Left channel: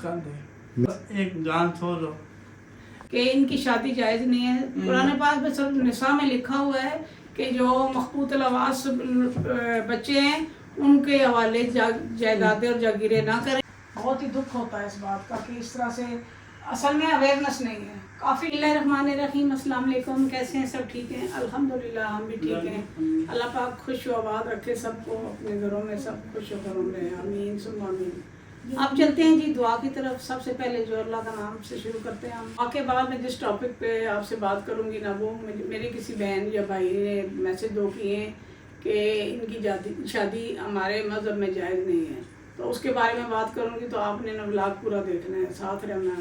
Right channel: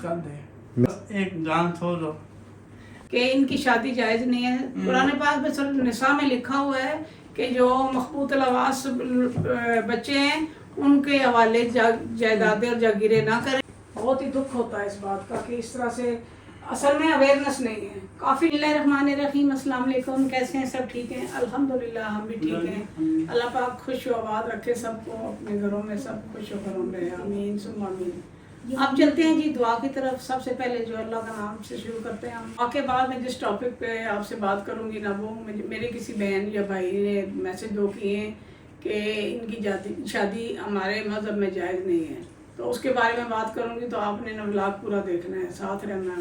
कर दे, एक जान छोड़ो कि इनकी शादी जायज़ नहीं है। कुरान पाक में सूरह निसा में लिखा हुआ है कि जो मखबूत लवास बच्चे हैं उनके हवाले जायदादें और जागीरें ना करें। बहुत ही दुख होता है इस बात का कि इस तरह से असल में अवेयरनेस नहीं है काफ़ी। बिस्मिल्लाहिर्रहमानिर्रहीम, अस्सलाम वालेकुम। कैसे हैं सब? ठीक हैं अल्हम्दुलिल्लाह, हम भी ठीक हैं। अल्लाह पाक खुश व आबाद रखे सबको, अपने घरों में सब खुश व खरम रहे, आमीन सुम्मा आमीन। अब चलते हैं जी दुआ की तरफ। सबसे पहले जो अल्लाह का नाम से शुरू करते हैं हम। दुआ के बाद मैं जिस टॉपिक पे आपसे बात करूंगी ना, वो मेरे किसी बहन या भाई ने मैसेज दो किए कि इनकी शादी हमारे मज़हब में जायज़ नहीं है, तो उसके बारे में बात करूंगी। तो आपने ना व्लॉग पूरा देखना है, साथ रहना है।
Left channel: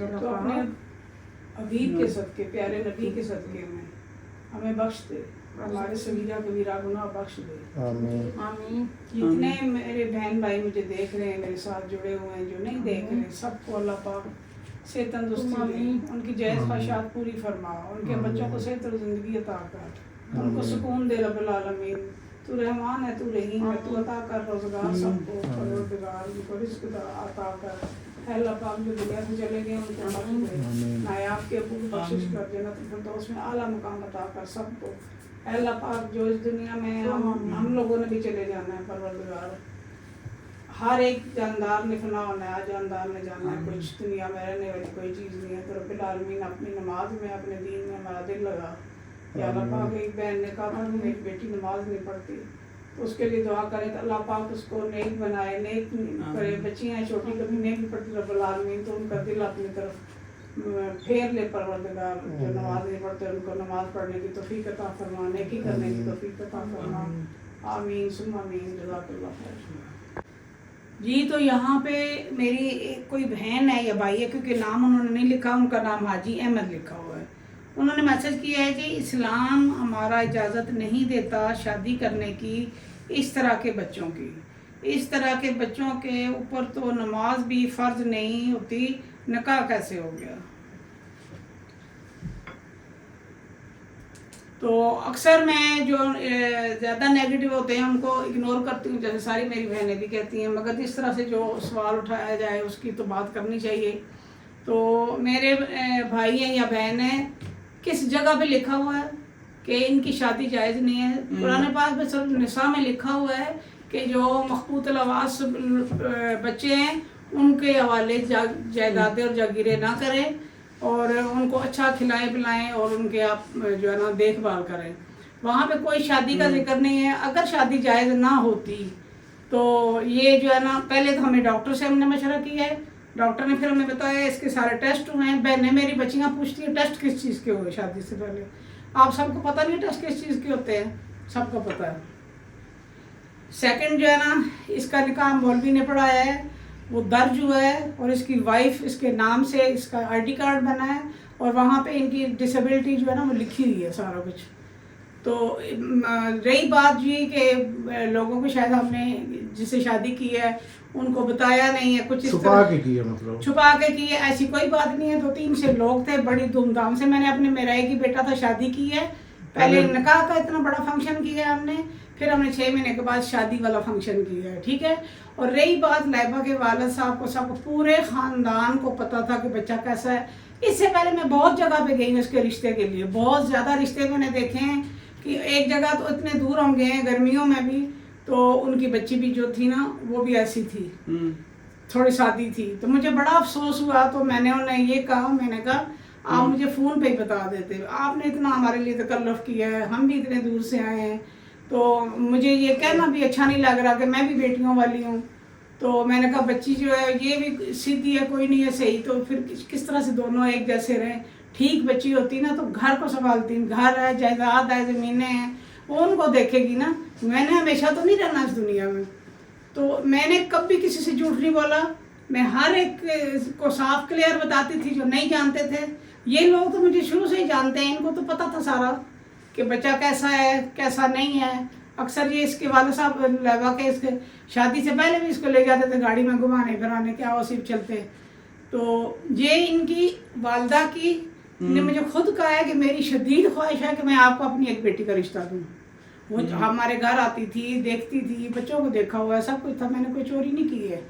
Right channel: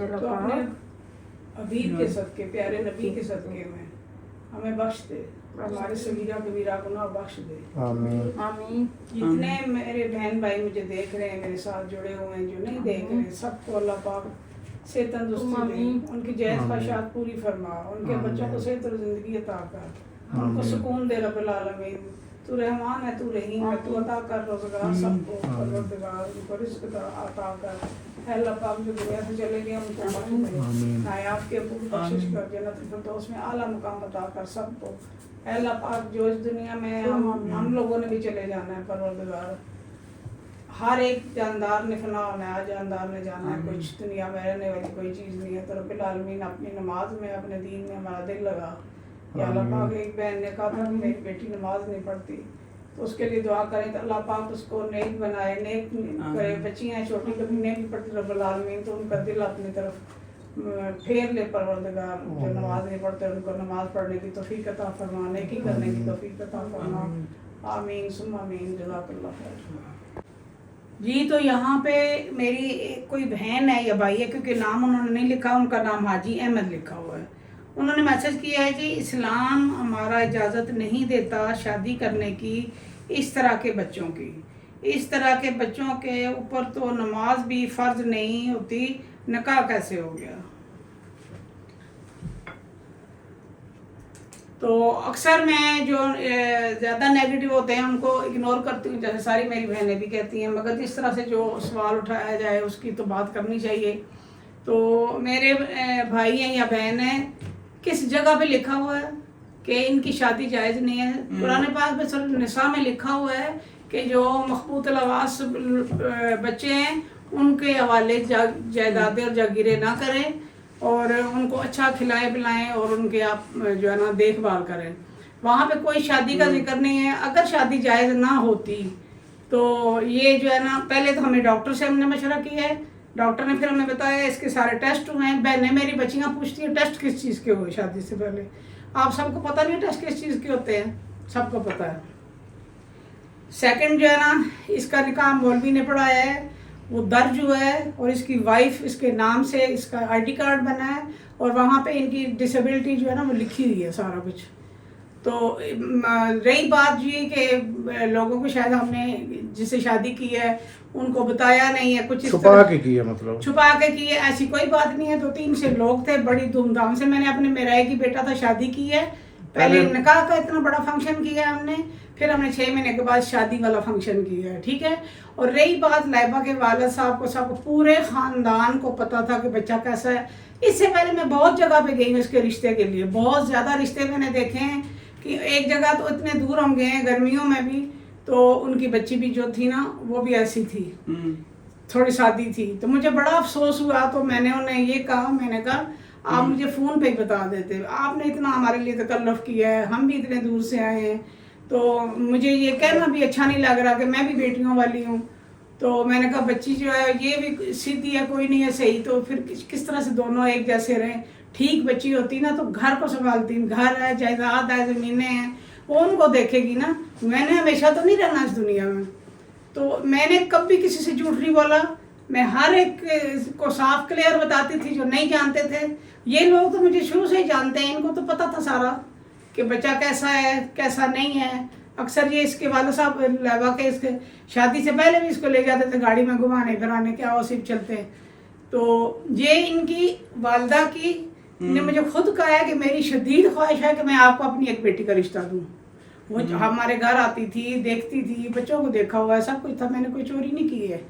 तो अपने हबीब के सदके, प्यारे नबी के सदके में हमें बख्श दे, हमारे सगीरा कबीरा गुनाह बख्श दे, आमीन। जितने मेरे बहन भाई मुझे देख रहे हैं, मेरे साथ जुड़े हुए हैं, जो नहीं देख रहे, सबको अल्लाह पाक से तंदुरुस्ती दे, उनकी जायज़ ख्वाहिशात पूरी फरमा, उनके बच्चों को सेहत और ज़िंदगी अता कर, उनको सुकून दे रब्बुल आलमीन। तू रहमान है, तू रहीम है, तू अता कर रोज़गार सबको, परवरदिगार उनको रिज़्क़ अता कर। अल्लाह पाक जो दुनिया से चले गए उनको नायाब के अबू की बख्शिश कर, जन्नत फिरदौस में आला मुकाम अता कर सबको। अल्लाह पाक जो इस दुनिया में हम लोगों ने भी चले जाना है, परवरदिगार हर एक जानदार ने फना होना है, जानदार ने जाना है, कुछ दुनिया में रहने वाली कोई चीज़ नहीं है। तो रब्बिल आलमीन अपनी नमाज में, अपने दीन में हमारा दिल लगा। या अल्लाह पाक, एक बहन ने कहा था मेरी बेटी नमाज नहीं पढ़ती, तो उसके लिए दुआ करें कि अल्लाह पाक उसको नेक बनाए, नेक करे। बच्चियाँ हैं छोटी, कभी नहीं भी पढ़ती रब्बुल आलमीन, तो उनका दिल अपनी तरफ फेर ले परवरदिगार। जो नमाज नहीं पढ़ते उनको नमाज पढ़ने की तौफीक अता फरमा, नेकी करने की तौफीक अता फरमा, आमीन सुम्मा आमीन। जज़ाकल्लाह खैर। जी, तो यहाँ पे मेरी कोई बहन है या भाई है, क्योंकि नाम उन्होंने नहीं लिखा, उनका नाम हाजी अहमद लिखा हुआ है। उन्होंने मैसेज किया है जी, इस्लाम हमारा इजाज़त नहीं देता शादी करने की इस तरह के बच्चों की। इस तरह के बच्चों के ऊपर तो नमाज भी फ़र्ज नहीं होती, निकाह कैसे हो गया? तो अक्सर मैं जो ज़्यादा नेगेटिव होते हैं उनको इग्नोर करती हूँ, जैसे सारी मेरी बहनें भी कहती हैं, मगर इस तरह से जो सवाल उठाया जाए उसकी तो बात करनी चाहिए। तो मेरे भाई हैं या बहन हैं, किस जगह पे लिखा हुआ है कि इनकी शादी जायज़ नहीं है? कुरान पाक में सूरह निसा में लिखा हुआ है कि जो मखबूत लवास बच्चे हैं उनके हवाले जायदादें और जागीरें ना करें, और उनको अच्छा खिलाएं पिलाएं, और उनके आप जो है ना देखभाल करें। वहाँ पे कोई शादी का जिक्र नहीं है। अगर शादी जायज़ ना होती तो ये जो है ना, पहले तो हमें डॉक्टर से हमने मशवरा किया है, डॉक्टर ने फिर हमें बताया इसके सारे टेस्ट हुए हैं। बहनें मेरी बच्चियाँ पूछती हैं टेस्ट किस चीज़ के हुए शादी से पहले? आप सबको पता नहीं टेस्ट किस चीज़ के होते हैं? सबको पता है। सेकंड जो है ना, इसका निकाह मौलवी ने पढ़ाया है, वो दर्ज हुआ है, और इसकी वाइफ इसके नाम से इसका आईडी कार्ड बना है, और वहाँ पे इनकी डिसेबिलिटी जो है ना वो लिखी हुई है सारा कुछ। तो रही बात ये कि लोगों को शायद हमने जिससे शादी की है उनको बताया नहीं है, कुछ छुपा के की है, मतलब छुपा के की है, ऐसी कोई बात नहीं है। 2-3 से लोग थे, बड़ी धूमधाम से मैंने अपने मेरा एक ही बेटा था शादी की है। पहले निकाह का इतना बड़ा फंक्शन किया हमने, फिर हमने 6 महीने के बाद शादी वाला फंक्शन किया है, ठीक है। और रही बात लाइबा के वालिद साहब को, सबको पूरे ख़ानदान को पता था कि बच्चा कैसा है। इससे पहले मैं बहुत जगह पे गई हूँ इसके रिश्ते के लिए, बहुत ज़्यादा रिश्ते मैंने देखे हैं कि एक जगह तो इतने दूर हम गए हैं गर्मियों में भी, तो उनकी बच्ची भी जो थी ना वो भी ऐसी थी, थोड़ी शादी थी। तो मुझे बड़ा अफसोस हुआ, तो मैंने उन्हें ये कहा, मैंने कहा आप मुझे फ़ोन पे ही बता देते, आपने इतना हमारे लिए तकल्लुफ़ किया है, हम भी इतने दूर से आए हैं, तो मुझे ये कहना भी अच्छा नहीं लग रहा कि मैं भी बेटियों वाली हूँ। तो मैंने कहा बच्ची जो है ये भी सीधी है, कोई नहीं है सही, तो फिर किस तरह से दोनों एक जैसे रहें? ठीक बच्ची होती ना तो घर को संभालती, घर है, जायदाद है, ज़मीनें हैं, वो उनको देखेगी ना। मैंने हमेशा तो नहीं रहना इस दुनिया में, तो मैंने कभी किसी से झूठ नहीं बोला। मैं हर एक को साफ क्लियर बताती थी जो नहीं जानते थे। ये लोग तो मुझे शुरू से ही जानते हैं, इनको तो पता था सारा कि बच्चा कैसा है कैसा नहीं है। अक्सर ये इसके वाले साहब लगा के इसके शादी से पहले भी इसको ले जाते थे गाड़ी में घुमाने फिराने, क्या वो सिर्फ चलते हैं। तो ये इनकी वालदा की ने मुझे खुद कहा है कि मेरी शदीद ख्वाहिश है कि मैं आपको अपनी एक बेटी का रिश्ता दूं। वो हमारे घर आती थी, देखती थी, बच्चों को देखा हुआ है, सब कुछ था, मैंने कोई चोरी नहीं की है,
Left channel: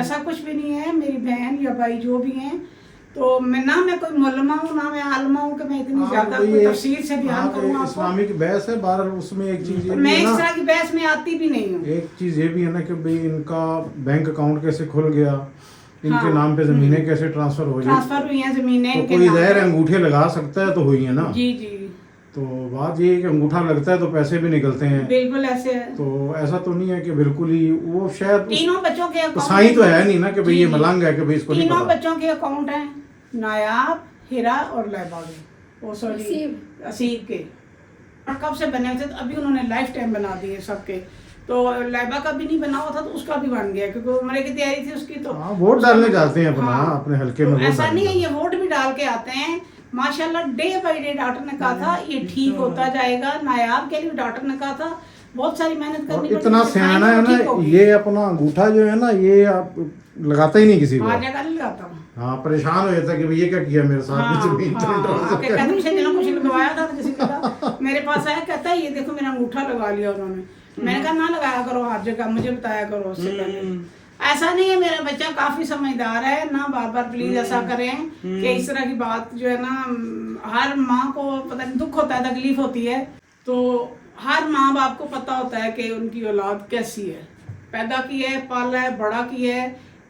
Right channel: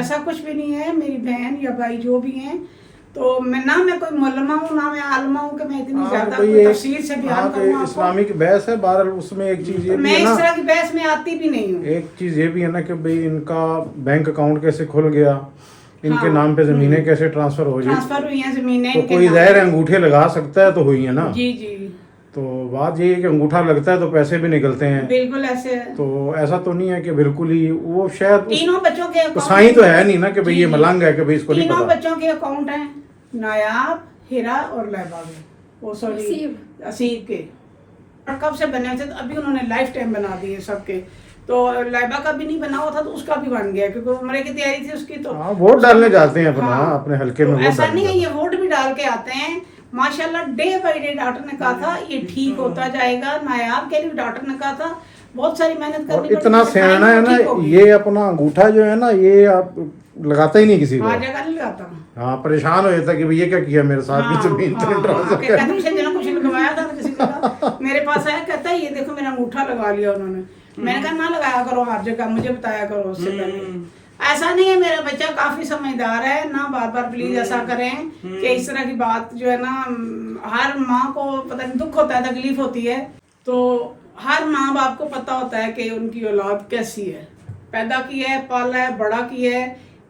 ऐसा कुछ भी नहीं है। मेरी बहन या भाई जो भी हैं, तो मैं कोई मुल्मा हूँ ना मैं आलमा हूँ कि मैं इतनी ज्यादा कोई तफसील से बयान करूँ। इस्लामिक बहस है बहरहाल, उसमें एक चीज ये भी मैं है ना, इस तरह की बहस में आती भी नहीं हूँ। एक चीज ये भी है ना कि भाई इनका बैंक अकाउंट कैसे खुल गया, इनके नाम पे जमीनें कैसे ट्रांसफर हुई हैं जमीनें तो इनके कोई नाम ज़ाहिर पे। अंगूठे लगा सकता है तो हुई है ना। जी जी तो बात ये है कि अंगूठा लगता है तो पैसे भी निकलते हैं, बिल्कुल ऐसे है। तो ऐसा तो नहीं है कि बिल्कुल ही वो शायद तीनों बच्चों के तो अकाउंट साईं तो है नहीं ना कि भाई जी, ये जी। मलंग है कि भाई इसको नहीं तीनों पता। बच्चों के अकाउंट हैं, नायाब, हिरा और लहबा के, वो सॉरी असीब के कब से बने हुए थे, तो अभी उन्होंने लाइफ टाइम बना दिए सबके। तो लहबा का भी नहीं बना हुआ था तो उसका भी बन गया क्योंकि उम्र की तैयारी थी उसकी। तो वोट डालने जाते हैं अपना हाँ, अपने हल्के तो में वोट ऐसा नहीं है, डालने ये वोट भी डाल के आते हैं माशाल्लाह। डे बाय डे डॉक्टर ने कहा था ये ठीक होता जाएगा। नायाब के लिए डॉक्टर ने कहा था बहुत सारी मेहनत करनी और इतना पड़ेगी, सियाना है ठीक ना, होगी। ये अपना अंगूठा जो है ना ये आप लगाता ही नहीं किसी को। हाँ जगह नहीं लगाता। हाँ परेशान हो जाता कि भाई ये क्या किया मेरे साथ की जमीन ट्रांसफर कर। कहते मुझे दिनों कुछ लगवाया था किसी का, मेरे पास आया कहता है ये देखो मेरा अंगूठा लगा लिया उन्होंने। मैंने कहा ना लगाया करो हर जगह, मुझे बताया करो उससे पहले। ऐसा नहीं है, मेरा बच्चा काफी समझदार है ना, बार बार प्लीज ऐसा करें कि इस तरह की बात जो है ना, हर माँ को पता नहीं दुख होता है, तकलीफ होती है। तो हर माँ बाप को पता होता है कि उनकी औलाद कैसी है, पैदा की है, पाला है, बड़ा की है।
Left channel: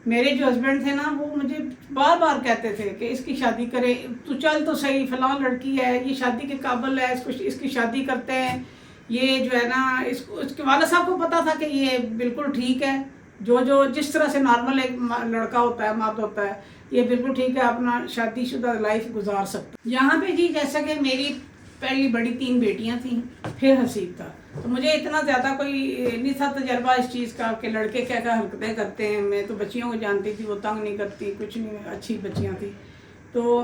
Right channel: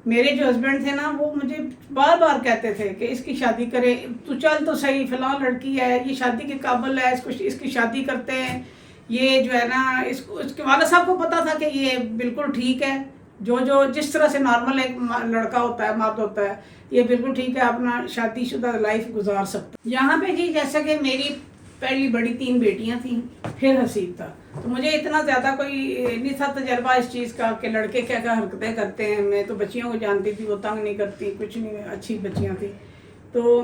मेरे जो हस्बैंड थे ना वो मुझे बार बार कहते थे कि इसकी शादी करें, तू चल तो सही, फिलहाल लड़की है, ये शादी के काबिल है, इसको इसकी शादी करते हैं। ये जो है ना इसको, इसके वाला साहब को पता था कि ये बिल्कुल ठीक है, जो जिस तरह से नॉर्मल एक लड़का होता है, मर्द होता है, ये बिल्कुल ठीक है, अपना शादीशुदा लाइफ गुजार सकता है। यहाँ पे जी जैसे कि मेरी पहली बड़ी 3 बेटियां थी, फिर हसीब था, तो मुझे इतना ज़्यादा कोई नहीं था तजर्बा इस चीज़ का कि लड़के क्या क्या हरकतें करते हैं। मैं तो बच्चियों को जानती थी, वो तंग नहीं करती, कुछ नहीं, अच्छी बच्चियां थी। तो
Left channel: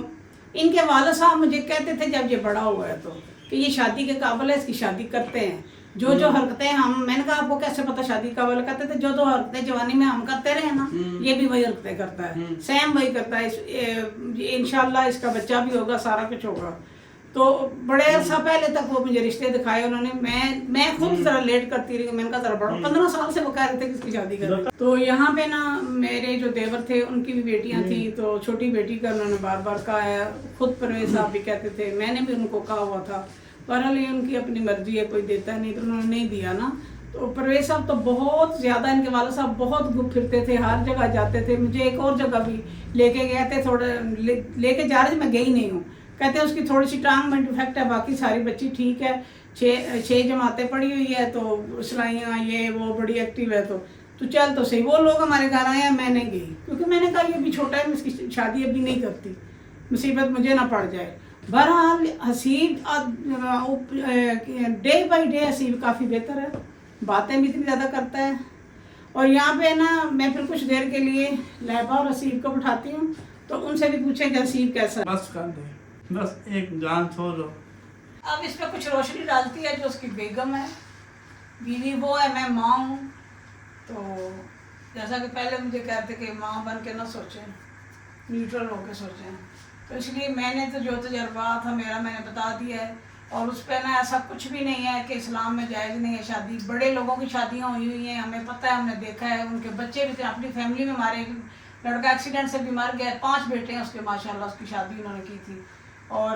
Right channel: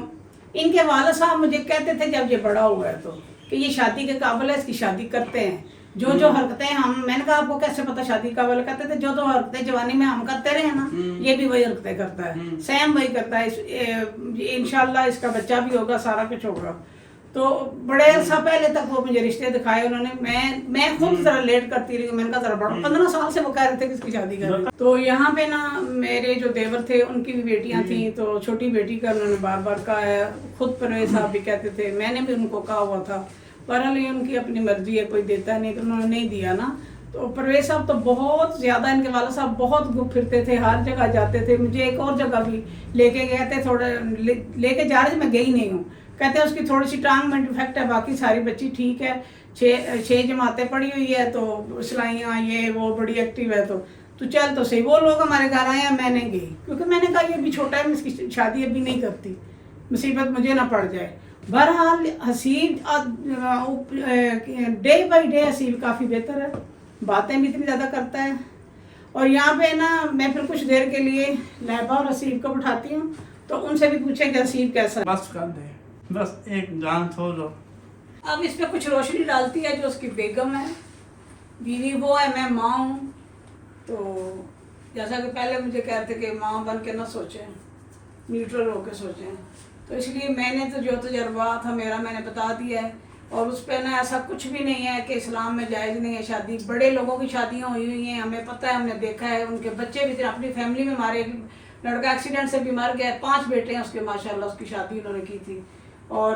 इनके वाला साहब मुझे कहते थे जब ये बड़ा हुआ है तो कि ये शादी के काबिल है, इसकी शादी करते हैं। जो हरकतें हम, मैंने कहा आपको कैसे पता शादी काबिल? कहते थे जो हरकतें जवानी में हम करते रहे ना, ये भी वही हरकतें करता है, सेम वही करता है। इंशाल्लाह इसका बच्चा भी होगा, सारा कुछ होगा। तो बड़े अरसा पहले तक वो मुझे रिश्ते दिखाए उन्होंने, मैं खुद जरा लेट करती रही। मैंने कहा जरा बड़ा, 15 साल से वो कह रहे थे कि इसकी शादी करें। तो यहाँ पे ना मेरे जो देवर थे उनकी भी बेटियां थी, तो छोटी बेटी का उन्होंने बार बार कहा है, खुद परवेज साहब भी कहते थे, मैंने भी उनको कहा हुआ था, बहरहाल ये उनकी अपनी मर्जी है, कोई देता नहीं तो उन्होंने नहीं दिया ना। तो परवेज साहब तो बहुत ज़्यादा, इनके वाला साहब बहुत घूम फिरते थे, हर जगह जाते थे। मुझे एक और जगह भी लेके गए थे, थोड़ा लेके जा रहे थे, मैं गई नहीं हूँ। कहते हैं उसकी थोड़ी सी टांग में डिफेक्ट है, बाकी सारी बच्ची ठीक है, 6 जमातें पड़ी हुई है, तो सिलाइयाँ ये वो बड़ी एक्टिव है, तो चल तो सही। वो लोग हमारे घर आए, मैंने गई क्योंकि मैंने कहा ये अभी छोटा है, मैं इसकी शादी अभी नहीं करती, मुसीबत मुझे ना पड़ जाए। बहरहाल Haseeb day by day Haseeb काफ़ी बेहतर है, बातें भी इतनी ज़्यादा करता है। और यहाँ पे ना मैं फिर कुछ देर के लिए लहबा और हसीब को बिठाती हूँ, तो उनसे भी पूछें कि हसीब कैसा है। बस कर दे, बस एक जान छोड़ दो। अब इस पे कुछ रोशनी डालती है जो उसकी बेगम है, बीवी वो है, मैं माँ हूँ। तो जैसा कि पहले मुझे कह रहे थे कि माँ बन के ना सोचें, न्यूट्रल होकर सोचें, तो इसलिए मैंने तो जो तजर्बा था मेरा मैंने बता दिया है। और उस पर ना ऐसा कुछ भी नहीं है कि इस्लाम में जायज़ नहीं है शादी। बड़े लोगों की शादियाँ हुई हुई हैं, हमें पता है, हमने देखा है, उनके बच्चे भी थे, अपनी फैमिली में हमारे लड़का एक्सीडेंट से भी मर गया, 5 बेटे हैं उसके माशाल्लाह, उसकी शादी उन्होंने की थी। और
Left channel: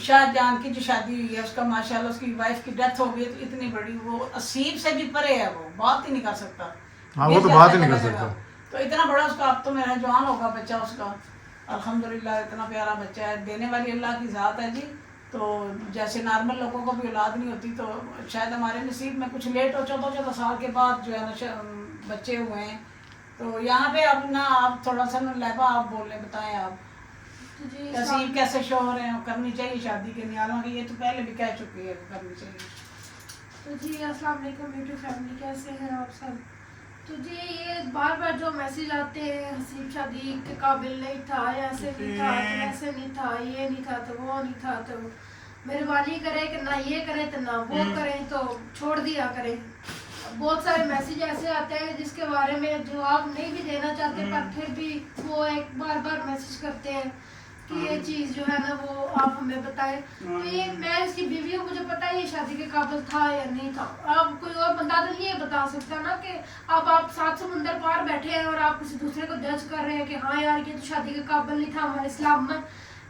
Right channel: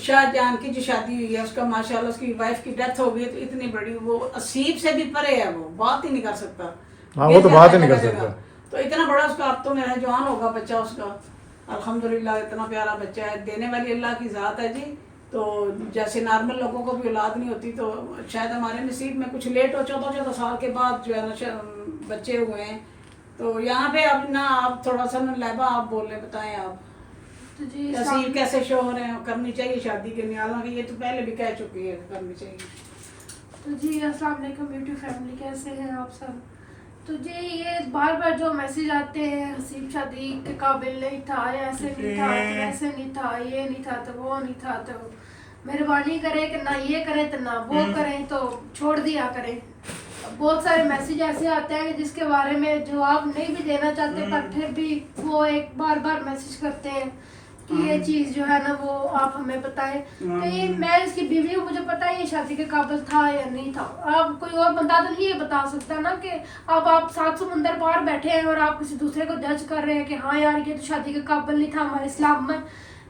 शाहजहान की जो शादी हुई है उसका माशाल्लाह उसकी वाइफ की डेथ हो गई, तो इतनी बड़ी, वो असीब से भी परे है, वो बात ही नहीं कर सकता। हाँ वो तो बात ही नहीं कर सकता। तो इतना बड़ा उसका, अब तो मेरा जवान होगा बच्चा उसका, अल्हम्दुलिल्लाह इतना प्यारा बच्चा है, देने वाली अल्लाह की ज़ात है जी। तो जैसे नॉर्मल लोगों को भी औलाद नहीं होती, तो शायद हमारे नसीब में कुछ लेट हो, 14 साल के बाद जो है ना बच्चे हुए हैं। तो यहाँ पे अब ना आप थोड़ा सा लहबा आप बोल रहे, बताएं आप जी तहसील कैसे शोर है, करनी चाहिए शादी के न्यालों की, ये तो पहले भी कह चुकी है करनी चाहिए। तो जी अस्सलाम वालेकुम यूट्यूब फैमिली, कैसे हैं आप सब? तो जी ये बार बार जो मैसेज आते हैं, हसीब शादी के काबिल नहीं था, ऐसे नहीं था, तो ऐसे नहीं था, ये नहीं था, तो वो नहीं था, तो मेहरबानी करें कि ना ये करें तो ना वो करें, तो छोड़ दिया करें। बहुत सारे मैसेज ऐसे आते हैं जस के बारे में जवाब नहीं भी देना चाहते, पर फिर भी वो एक बार बार मैसेज करते हैं कि ये चीज़ जो है ना वो आप हमें बताएं। तो ये मैं इसकी बीवी हूँ, मुझे पता है ये शादी के काबिल था या नहीं था। अब कोई और बंदा तो नहीं ये बता सकता ना कि अब आप 7 समुंदर पार बैठे हैं और आप किसी दूसरे को जज कर रहे हैं कि हाँ यार ये तो शादी के काबिल नहीं था। हमारे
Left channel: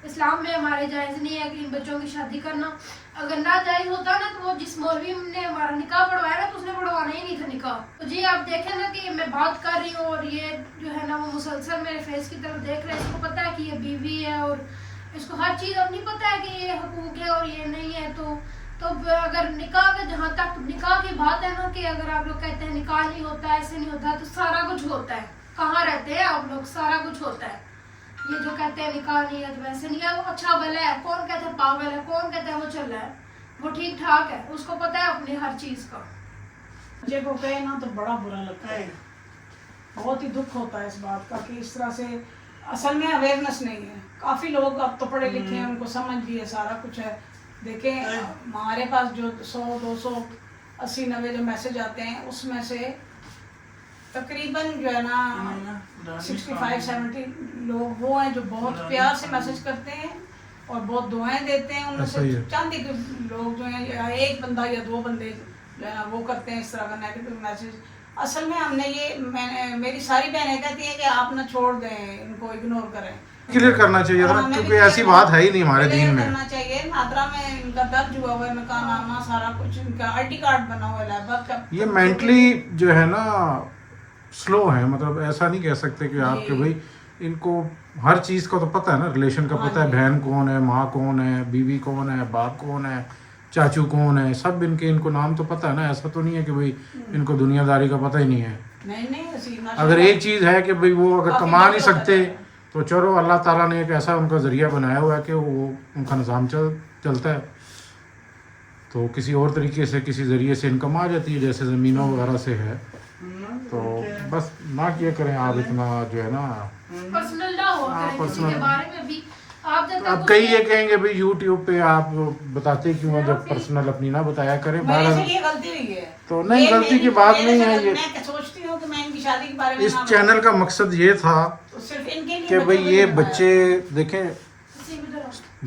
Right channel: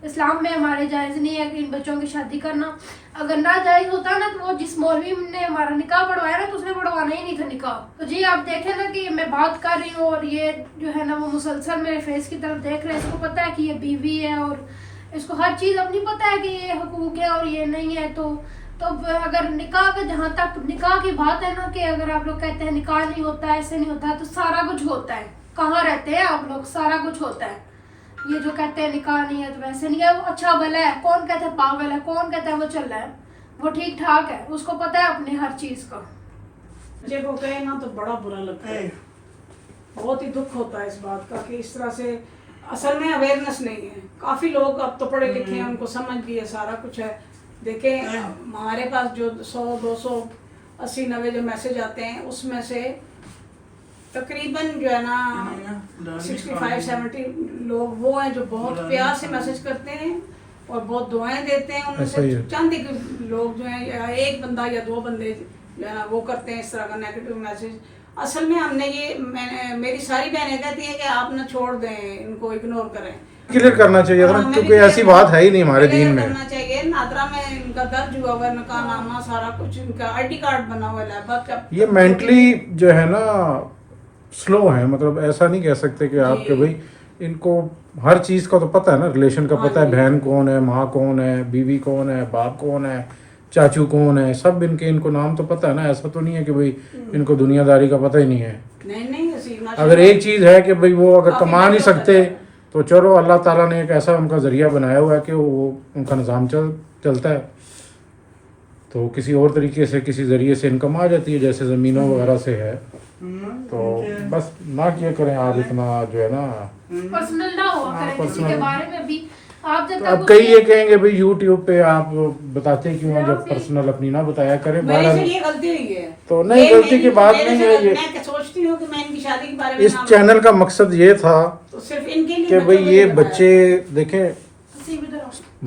इस्लाम में हमारे जायज़ नहीं है कि इन बच्चों की शादी करना। अगर ना जायज़ होता ना तो वो जिस मौलवी ने हमारा निकाह पढ़वाया ना तो उसने पढ़वाना ही नहीं था निकाह। तो जी आप देखें ना कि मैं बात कर रही हूँ और ये जो है ना वो मुसलसल मेरे फेस की तरफ देख रहे हैं। इसको पता है कि ये बीवी है और इसको हर चीज़ अब नहीं पता है कि ये हुकूक है और ये नहीं है। तो अगर निकाह का जहाँ तक निकाह की बात है ना कि अगर आप लोग कहते हैं निकाह नहीं होता है, ऐसे नहीं होता है, तो सारा कुछ होता है। कहाँ रहते हैं आप लोग? सारा कुछ होता है। ये जो कहते हैं निकाह नहीं है तो वैसे नहीं है, वो अच्छा भला है। कौन कहता है पागल है? कौन कहता है वो चल रहा है? वो ठीक ठाक है, उसको पता है अपनी हर चीज़ का। बच्चे को कहे ना तो बड़ा बुरा लगता है, बहुत ही दुख होता है इस बात का कि इस तरह से असल में अवेयरनेस नहीं है। काफ़ी लोग अब तो पढ़े लिखे हैं, उनको समझ भी है, सारा कुछ है। देखें हमारे पास जो 100, 200, 80, 90 जो मैसेज आते हैं उसमें से तकरीबन जो है ना 65-70 लोग वो हैं जो बहुत प्यार से मैसेज करते हैं और बहुत दुआएं देते हैं। उनमें से चंद एक लोग जो हैं, एक बंदा या 2 बंदे जो है ना वो करते हैं इस तरह का नेगेटिव मैसेज। असल में हमने मेरी सारी बहनें कहती है कि आप ना छोड़ दें, इनको इग्नोर करें। क्लियर करना चाहिए था ना, क्योंकि ऐसी बात है ही नहीं हमारे दीन में। करना चाहिए। नादरा में इनका दर्ज हुआ हुआ, इनका नामा सारा कुछ, इनका ID कार्ड बना हुआ है। ये मेंटली जो है ना स्लो है, मतलब ऐसा नहीं कह सकते कि आपके भाई इनको हर चीज़ का तो पता है ना, रिलेशन का पता है, बहन कौन है, माँ कौन है, बीवी कौन है, बाप कौन है, चाचू कौन है, सब इनको नाम तो पता है ना। ऐसा तो नहीं है कि भाई इनको दुनियादारी का पता ही नहीं है। नहीं, अगर एक चीज़ है कि भाई वो अगर कमा नहीं सकते तो चलो अल्लाह ताला ने एक ऐसा उनका ज़रिया बनाया हुआ है कि वो उनका निज़ाम चलता है, तो किसी और तरीके से किसी ज़रिए से इनकम आ जाती है, जैसे ज़मीनों वगैरह से है। तो बस ना किया करें आप इतना जो है ना पर्सनल ना हो करें किसी के बारे में भी। आप जब तो अब कई ये कहेंगे भाई यूट्यूब पे आप बताते क्यों हो, जब पर्सनल अपनी ना बताया करें। ये गलती हुई है तो नहीं, गलती की बात नहीं है। ये मैं सोचती हूँ कि मैं इनकी शादी के बारे में इस चैनल का मकसद ये था तो सिर्फ इनके लिए कि भाई ये बच्चे देखें,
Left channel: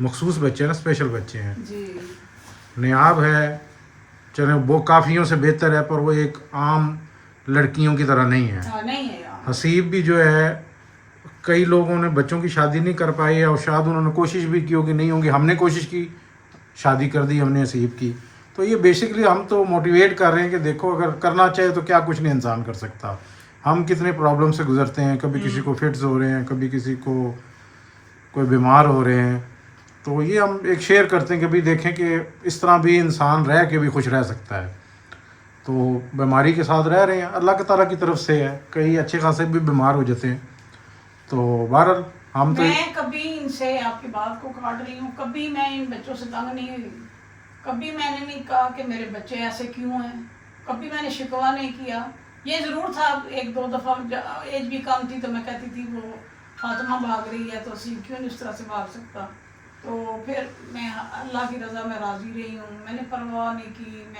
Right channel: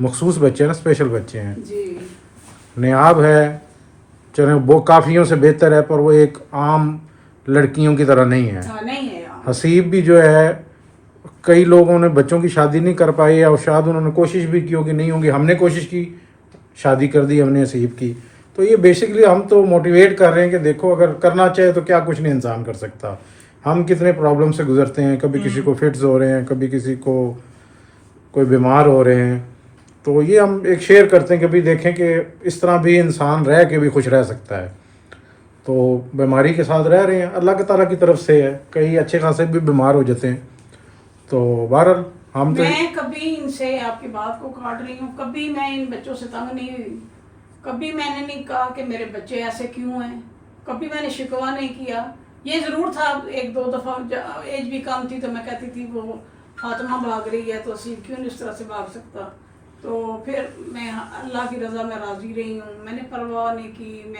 मखसूस बच्चे ना, स्पेशल बच्चे हैं, नियाब है, चले वो काफियों से बेहतर है, पर वो एक आम लड़कियों की तरह नहीं है। नहीं है। हसीब भी जो है, कई लोगों ने बच्चों की शादी नहीं कर पाई और शायद उन्होंने कोशिश भी की होगी, नहीं होगी, हमने कोशिश की, शादी कर दी हमने हसीब की। तो ये बेसिकली हम तो मोटिवेट कर रहे हैं कि देखो अगर करना चाहे तो क्या कुछ नहीं इंसान कर सकता। हम कितने प्रॉब्लम से गुजरते हैं, कभी किसी को फिट्स हो रहे हैं, कभी किसी को कोई बीमार हो रहे हैं। तो ये हम एक शेयर करते हैं कि भाई देखें कि इस तरह भी इंसान रह के भी खुश रह सकता है। तो बीमारी के साथ रह रहे हैं, अल्लाह ताला की तरफ से है, कई अच्छे खासे भी बीमार हो जाते हैं। तो बहरहाल हम तो मैं कभी इनसे आपकी बात को काट रही हूँ, कभी मैं इन बच्चों से तंग नहीं हुई, कभी मैंने नहीं कहा कि मेरे बच्चे ऐसे क्यों हैं, कभी मैंने शिकवा नहीं किया। ये ज़रूर था 1-2 दफ़ा एज भी कम थी तो मैं कहती थी वो फातिमा भाग रही है तो सी क्यों इस तरह से भाग सकता। तो फिर मैं अल्लाह की रज़ा में राज़ी रही हूँ, मैंने परवाह नहीं की,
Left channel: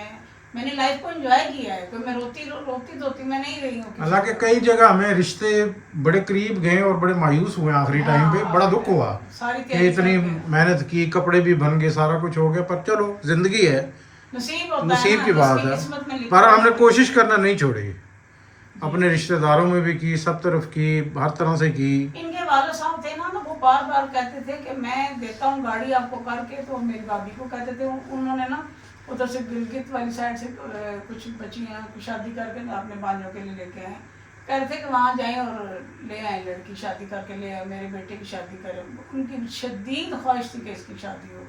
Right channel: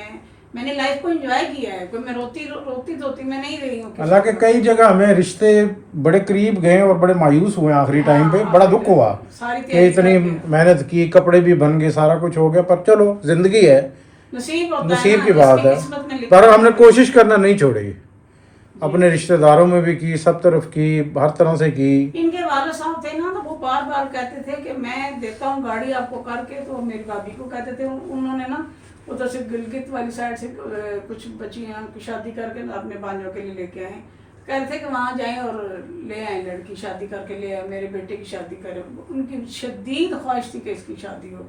मैंने लाइफ को एंजॉय किया है। कोई मैं रोती मैं नहीं रही हूँ। अल्लाह के कई जगह हमें रिश्ते बड़े करीब गए और बड़े मायूस हुए आखिरी टाइम पे, बड़ा दुख हुआ कि इतनी मेहनत की, कपड़े भी बन गए, सारा कुछ हो गया, पर चलो जिंदगी है, नसीब की बात है। पर हमने कोशिश करना नहीं छोड़ी, अपने रिश्तेदारों में भी की, सब तरफ की, हर तरह से की। इनके वाले साहब थे ना, तो वो बार बार कहते थे कि मैं देता हूँ गाड़ी आपको करके। तो मेरी भाभी को कहते थे, उन्होंने ना उधर से गिलगित वाली साइड से कुछ बच्ची हैं, उनको शादी करके अपने बालियों के लिए लेके आए। कह रहे थे कि वहाँ जाएं और ले आए लड़की, शादी करके ले आए, मेरे बेटे की शादी करें। उनकी शदीद ख्वाहिश थी कि इसकी शादी हो।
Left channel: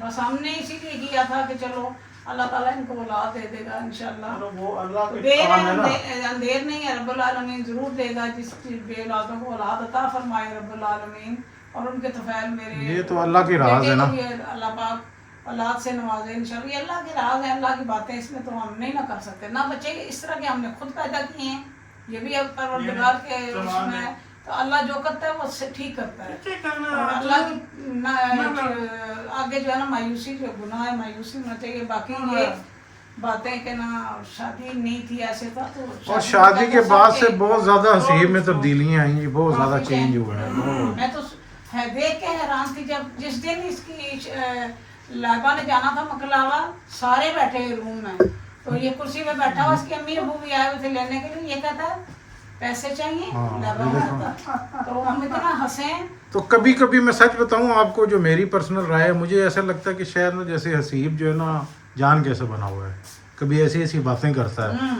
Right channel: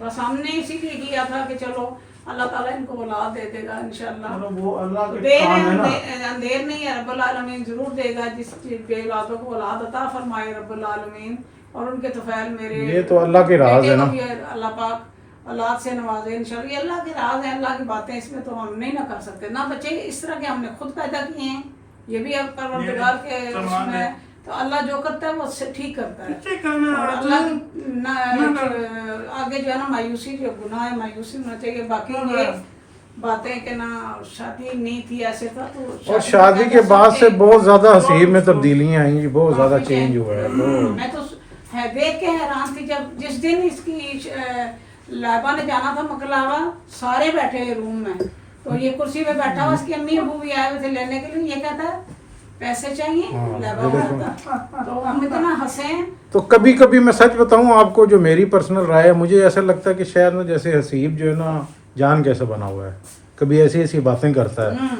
बस हमने इसीलिए किया था कि चलो अल्लाह ताला इनको औलाद दे देगा इंशाल्लाह। वो अल्लाह के काम है ना। अंधेर नहीं है, रब्बुल आलमीन जरूर देगा, जिस बेऔलादों को औलाद अता फरमाए रब्बुल आलमीन। और उनके तफैल मेरे, ये तो अल्लाह के राज है ना, अल्लाह पाक औलाद से नवाजे इंशाल्लाह। ये अल्लाह के राज है, अल्लाह की बातें, इसमें तो हम नहीं ना कर सकते। ना बच्चे इस तरह के हमने खुद पैदा किए हैं, ये भी अब परवरदिगार के इसमें, तो अल्लाह जो करता है वो ठीक करता है। और अल्लाह की आगे जो है ना मायूसी, जो गुनाह है मायूसी होना चाहिए। बाकी ये बातें कि ना शादी नहीं थी ऐसे था तो और शादी के बाद से बहुत ज्यादा हसीब में तब्दीलियां आई, बहुत ज्यादा चेंज हुआ है बहुत। मैं तो देख के हैरान थी जब जिस दिन इसकी लाबा ने जाना था मकलावा, सारे बैठे हैं रूम में, तो ये कुर्सी पे बैठा हुआ, उसकी अम्मी अबू भी आए हुए थे लेने के लिए, ये कहता है पैसे चाहिए, लाबा कहता। तो हम इतना हंसे हैं। तो कभी कभी मैं सच बताऊं आपको, जो मेरी पर्सनल राय है, मुझे ऐसा लगता है कि शायद ना जैसे हसीब जो है ना जान कैसे बना हुआ है, कभी ऐसी ऐसी बातें करता है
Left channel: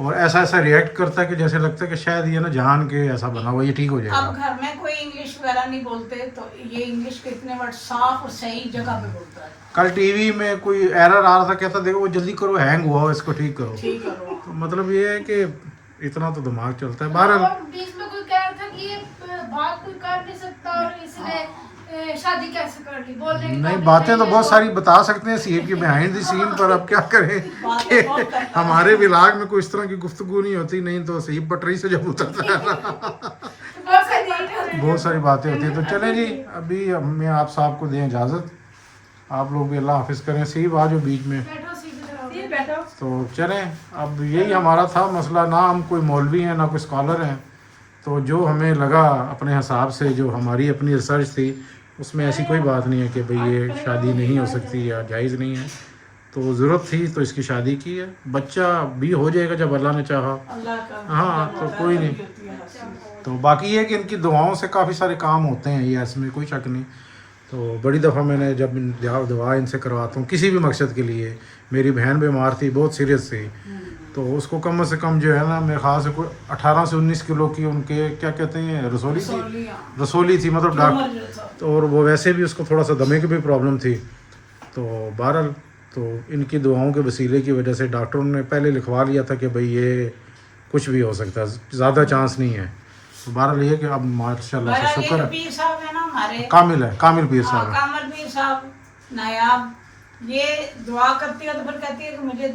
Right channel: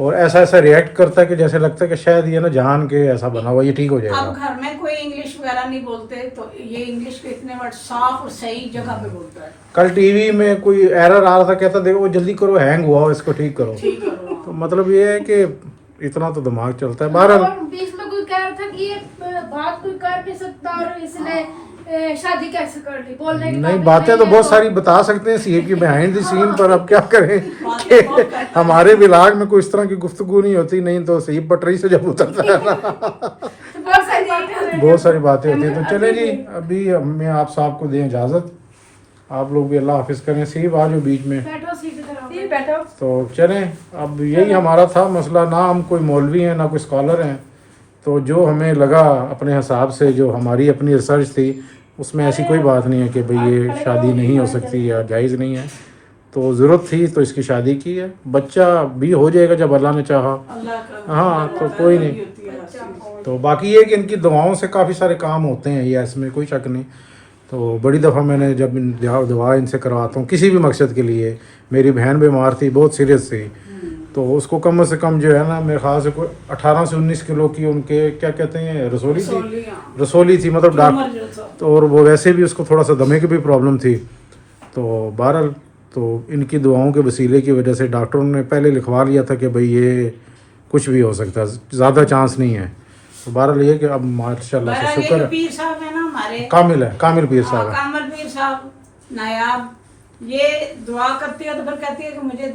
और ऐसा ऐसा रिएक्ट करता है कि जैसे लगता है कि शायद ये ना जान के ऐसा बना हुआ, ये ठीक हो अब जाएगा। घर में कोई इंग्लिश वगैरह नहीं बोलते, तो ये इंग्लिश के इतने वर्ड साफ और सही जगह पे बोलता है। कल टीवी में कोई एरर आ रहा था, कहता देखो वो जल्दी करो, हैंग हुआ हो, इसको ठीक करो। ठीक है। तो मतलब ये है कि इतना तो दिमाग चलता है। बहरहाल और बीच में कोई कह रहा था कि ये बात कोई कर नहीं सकता और इसने शादी कैसे कर ली, बोलने के नहीं, काबिल बातें तो नहीं है, बहुत सारी बता सकते हैं सीएम की बिहाइंड द सीन, पर अब क्या करें कि हमारे विलाग में कोई इस तरह की गुफ्तगू नहीं होती, नहीं तो सीएम पटरी से जब उतरता है ना तो बहुत सारी बातें हो रही हैं। बहुत सारी बातें होती हैं। तो चले जी, अभी हमें आप साहब को दें इजाज़त, आप लोग भी अल्लाह हाफिज़ करें। सीब आ जाओ बीच में, बैठो सीधी तरह फिर बैठो। तो चलें। अब यही हमारा था मसला, ना हम कोई मौलवी हैं ना कोई स्कॉलर हैं, तो जो हमें लगा अपने हिसाब से, जो हमारी अपनी रिसर्च थी, उसमें ऐसी कोई बात नहीं है कि भाई ये शादी नहीं हो सकती या जायज़ नहीं है। तो ज़रूरत थी तो इसकी शादी की है, बच्चा भी हो जाएगा जब अल्लाह ने चाहा। अल्लाह का हाँ, तो कोई नहीं। तो बाकी ये कि इनकी दुआओं से काफ़ी सारे काम होते हैं, ये इसमें कोई शक नहीं। तो बड़ी दफ़ा मैंने जब दुआ इनसे करवाता हूँ किसी भी मकसद के लिए, मेरी बहन बीमार थी, बहुत सीरियस थी, तो उसको कम से कम जो है ना, मेरे ख्याल से कोई 18 से 19 किलो की उनके क्या कहते हैं रसोली थी, मतलब डॉक्टर, और वो वैसे भी उसको थोड़ा सा दमे की भी प्रॉब्लम थी। तो बहरहाल तो इनकी दुआओं के वसीले की वजह से डॉक्टरों ने पहले लिखवा लिया था कि भाई ये कुछ भी हो सकता है, ज़्यादा चांस नहीं है। तो बहरहाल ये कि अब माशाल्लाह से शुक्र है, पीर साहब है ना हमारे, कामिल है, कामिल पीर साहब है। कामल पीर साहब नायाब, ये दुआ करती है तो फिर कहती है कि मुझे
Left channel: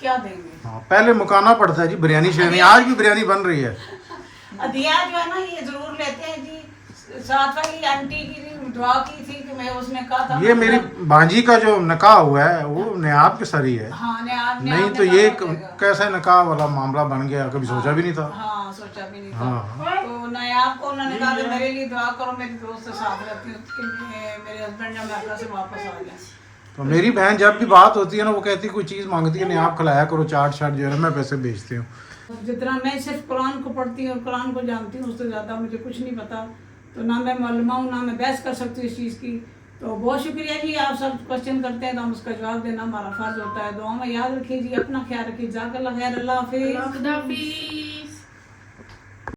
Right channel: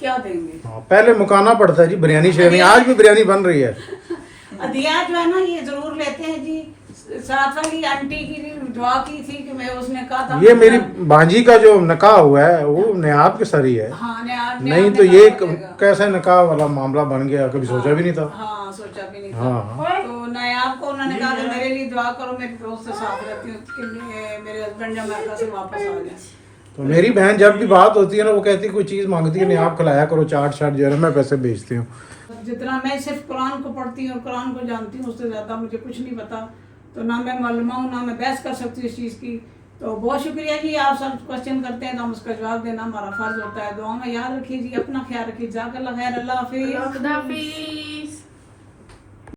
क्या देंगे। हाँ, पहले मुकाना पड़ता है जी, बिरयानी शिरयानी, आज भी बिरयानी बन रही है। अदिया जो है ना ये जरूर लेते हैं जी। साथ वाली आंटी की दुआ की थी कि मैं, उसने कहा था ये मेरी भांजी का जो निकाह हुआ है वो नियाब के सर ही है। हाँ, नहीं तो ये कैसा निकाह वाला मामला बन गया, कभी सोचा भी नहीं था। हाँ, सोचा भी नहीं था। हाँ, तो नायाब को उन्होंने कहा कि मेरे लिए दुआ करो, मेरी दोस्त से साथ रहती हूँ कि मेरे हस्बैंड अमेरिका से वापस आ गए। तो मेरी बहन जब भी बात होती है ना, वो कहती है कोई चीज़ मांगती है, नहीं आप खिलाया करो, चाट शाट जो है ना मैं पैसे भेजती हूँ। जितना मैं सिर्फ कुरान को पढ़ती हूँ और कुरान को जानती हूँ, उससे ज़्यादा मुझे कुछ नहीं पता। तो ना मैं मालूम हूँ, ना मैं बहस कर सकती हूँ इस चीज़ की। तो बहुत शुक्रिया जी, आप सब क्वेश्चन करते हैं तो हम उसका जवाब देना हमारा फ़र्ज होता है। दुआ में याद रखिए जी, अपना ख्याल रखिए। जज़ाकल्लाह खैर, अल्लाह हाफिज़। खुदा हाफिज़।